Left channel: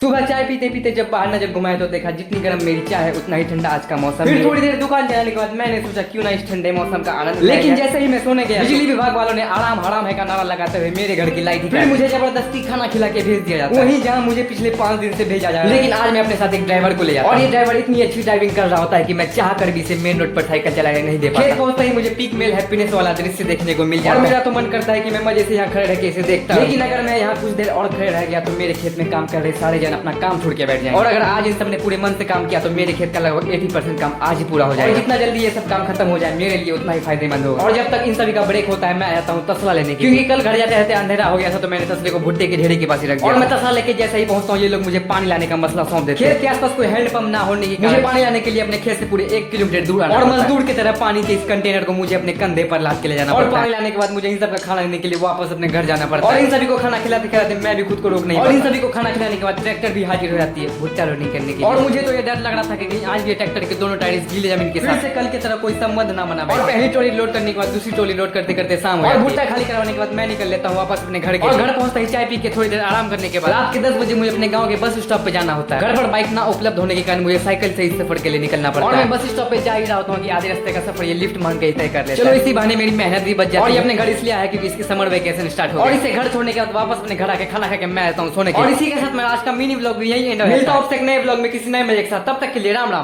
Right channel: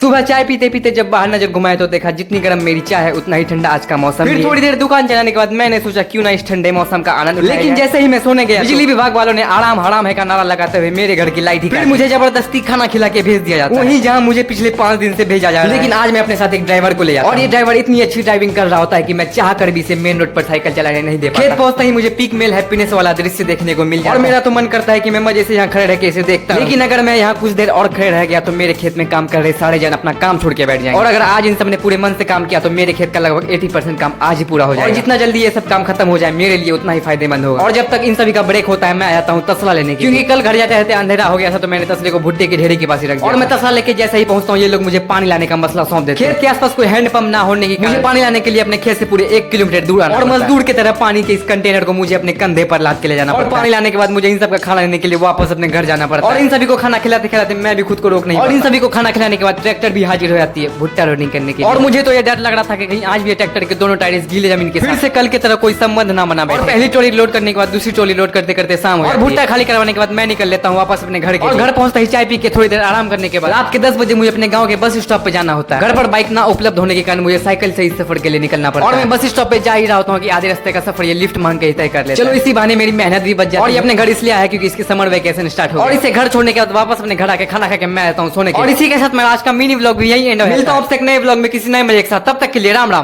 सुबह चाय पीते पीते जब बाहर नजर घुमाए तो देखा जितनी गर्म मेरी चाय है उतना ही ठंडा आज का मौसम। फिर थोड़ी देर दुकान चलाने के बाद मैंने सोचा क्यों ना इस ठंडे मौसम का आनंद, लेकिन जैसे ही मैं सोने गया बिजली विभाग वालों ने आराम हराम है का नारा लगाते हुए मेरे घर की लाइट ही फिर मुझे जबरदस्ती खाना खिला के भेज दिया जाता, वहीं जहाँ मुझे पिछले 5 दिन से भेजा जा रहा है। लेकिन आज मैं अपने साथ एक ड्राइवर को ले जाता, और ये ड्राइवर इतनी अच्छी ड्राइविंग कर रहा होता है कि मैं चाह कर भी इसे मेन रोड पर साइकिल चलाने नहीं दे पाता। खेत पहुंचते ही मुझे पीक मेल हैप्पीनेस वाला दृश्य देखने को मिल जाता है और मेरा तो मन करता है कि मैं मजे से यहाँ खड़े रह के इसे देखता, लेकिन अगर मैं यहाँ कुछ देर और खड़े रह गया तो मेरे खेत में काम कर रहे सारे जन अपना काम छोड़ के बैठ जाएंगे। और अगर आज इन सब ने पूरे मन से काम किया तो मेरे खेत का लगभग 80% काम आज ही पूरा हो जाएगा। और जितना जल्दी ये सब काम खत्म हो जाए मेरे लिए उतना ही फायदेमंद होगा। और जब तक इन सभी का ब्रेक होता है मैं आ जाता हूँ तसला लेने की, क्योंकि कल घर जाते रहते अंधेरा हो गया था तो मैंने तसले को भुट्टे के ढेरे के पास ही रख दिया। और मैं तसला लेके जैसे ही पहुंचता हूँ ये लोग मुझे पानी लाने का मसला सौंप देते हैं। खेत के आसपास कोई हैंडपंप ना होने की मुझे पानी लाने के लिए अपने खेत से पूरे 1 किलोमीटर दूर आना, और मजदूर की तरह पानी के इस कंटेनर को मुझे अपने कंधे पर लाद के ले जाना। और पानी लाने के बाद मुझे इन सब का खाना लेने के लिए वापस अपने घर जाना पड़ता है। और इन सभी को खाना खिलाते खिलाते मैं भी खुद को रोक नहीं, और इन सभी को खाना खिलाने के बाद ट्रैक्टर भी हाजिर हो जाती है भुट्टा लोडिंग करने के लिए। और मुझे तो ये डर लग रहा था कि कहीं आज भी ट्रैक्टर के दोनों टायर गीले जमीन के साथ से कल की तरह कोई संबंध ना बना बैठे। पहली ट्रॉली लोड करने के बाद दूसरी ट्रॉली लोड करते करते शाम हो जाती है। भुट्टा खाली करवाने के बाद मैं निकल लेता हूँ वापस अपने घर के। घर पहुंचता ही चाय पी के थोड़ी देर आराम करने के बाद रात के 10 बजे मुझे अपने गांव के बस स्टॉप पे जाना होता है। घर पर बाइक ना उपलब्ध होने के कारण मुझे साइकिल से इस सफर के लिए निकलना पड़ता है। और मैं बस स्टॉप पे जा ही रहा होता हूँ कि आधे रास्ते का सफर ये लिफ्ट मांग के तय कर लेता है। चलो इसी बहाने मेरी मेहनत भी बच जाती है। और ये अपने घर इसलिए आया क्योंकि इसकी समर वेकेशन स्टार्ट हो, और इसे घर छोड़ने के बाद वापस अपने घर आके खाना खा के मैं आता हूँ सोने के। और इसी के साथ मैं आज का मिनी व्लॉग भी यही एंड होता है। मिलता हूँ आपसे एक नए व्लॉग में किसी नए मजे के साथ, तब तक के लिए राम राम।